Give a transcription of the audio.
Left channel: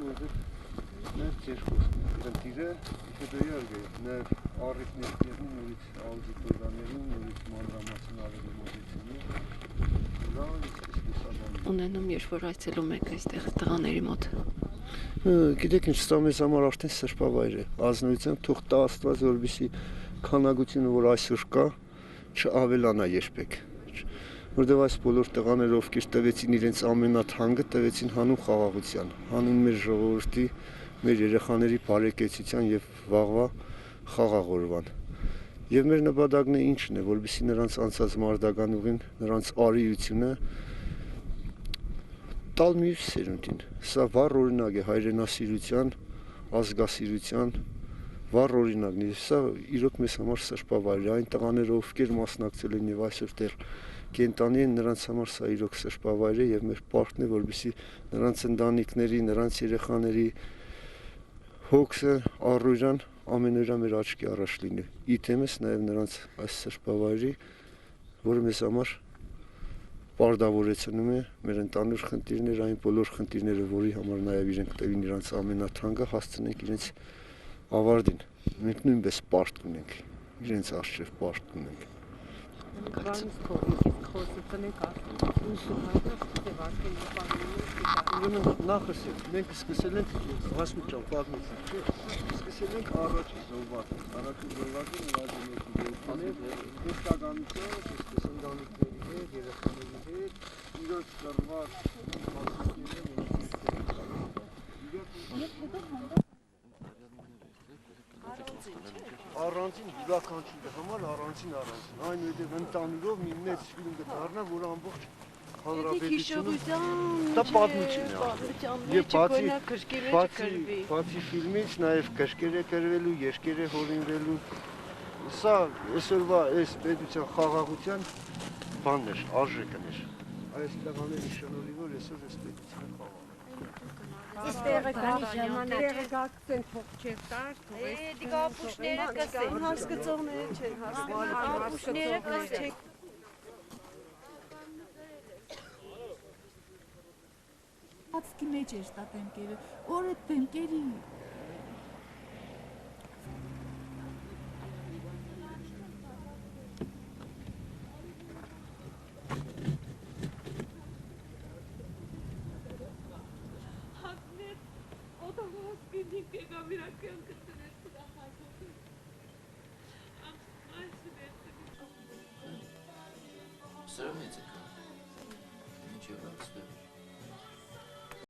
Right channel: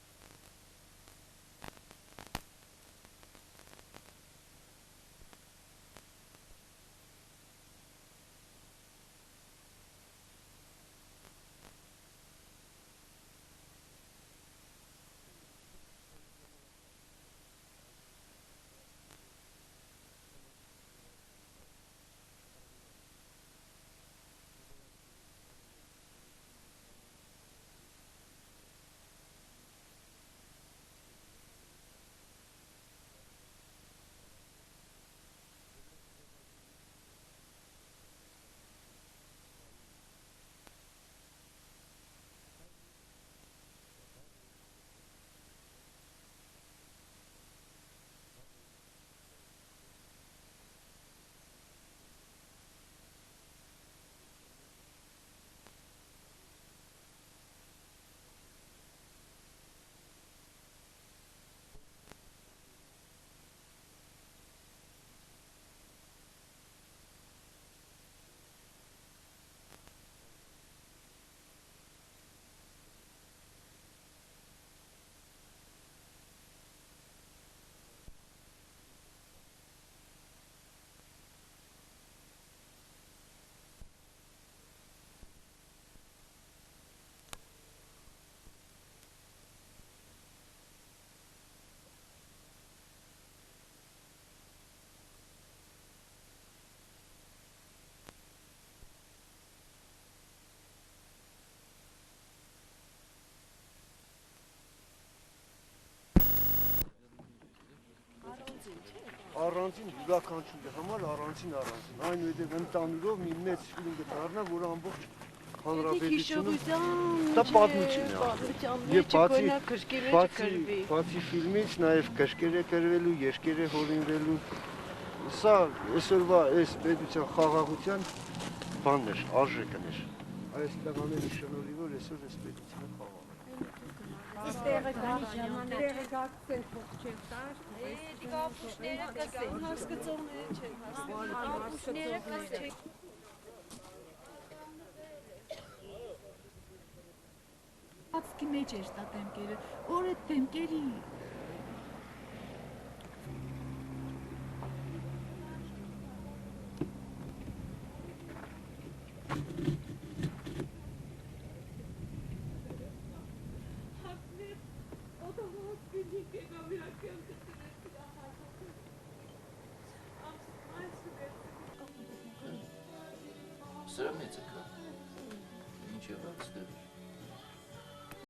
Նաև երկու ընտիրը հետոյարգ է, նաև առիթ ներկերն նորից աուդիտորաներին, նորից մանրամասն ավելի մոդեցինի, դա իսկս ադամի։ Ունենում երբ որ այցելում եք այստեղ տղաների մոտ։ Գիտեք ինչ, սա մեզ համար արդեն սրբավայր է, ազնվության թող տա Աստված, որպեսզի քանակությունը, որ այսօր կա, չավելանա երբեք։ Որտեղ այս բոլոր տղաները, ովքեր տվեցին իրենց ամենաթանկը, տվեցին հանուն խաղաղության, հանուն մեր ժողովրդի, մեր երեխաների բարեկեցության եւ վաղվա խաղաղ օրվան։ Եվ մեր նպատակն է ինչն է, որպեսզի նրանց անցած մարտական ուղին, նրանց արիությունը տալ մյուս սերունդին։ Սա վառ օրինակ է հայրենասիրության, ազգասիրության վառ օրինակն է։ Սա իրոք մեզ համար սրբավայր է, այն տղաները, ովքեր մասնակցել են եւ այսօր դեռ կենտանի են, նրանց համար սա իրոք սրբավայր է եւ մեր պարտքն է, որպեսզի նրանց ընտանիքների, նրանց երեխաների հոգսը, առօրյան ամենօրյա մեր աչքի առաջ լինի։ Իդեմս նաեւ նրանց այս սրբավայրի, որը մեզ համար պարտավորեցնում է մեր ընտանուր խնդիրները, այն բոլոր խնդիրները, որի համար նաեւ իրենք տվին իրանց ամենաթանկը, հասցնենք իրենց ավարտին։ Մենք նույնպես պարտք ունենք, իրենց արժեվ պարտք ունենք։ Նախսել, մենք սկսել ենք հասմիջան պատմություն, չէ, սկսել ենք առաջի զոհվածը, դեստականություն, այսպես ընտանիքների հետ, երեխաների հետ, իրոց կրված առանձին յուրաքանչյուրի համար առանձին, այնուհետև ընտանուրով մի մեծ ֆիլմ կդառնա, որ ամբողջ հանրապետությունում դա պատմություն է։ Եվ բացի ֆիլմից նաև գրքեր է գրվելու, երկեր է հորինվելու։ Սա այսօրվա այս պետության խաղաղության բանն էր, արժեքն էր։ Այս տղաների շնորհիվ որ այսօր այս պետությունը խաղաղ է։ Իստեղը գակցեն թող չեր տար, դիգա ապուշները կսեն, հասկացողները չեն հասկացողները, ապուշները կսեն։ Ածքի մեջ էր տա տեմկերը, որ է տեմկերի։ Սրա մեծը կա, ինչ եղավ ստեղ։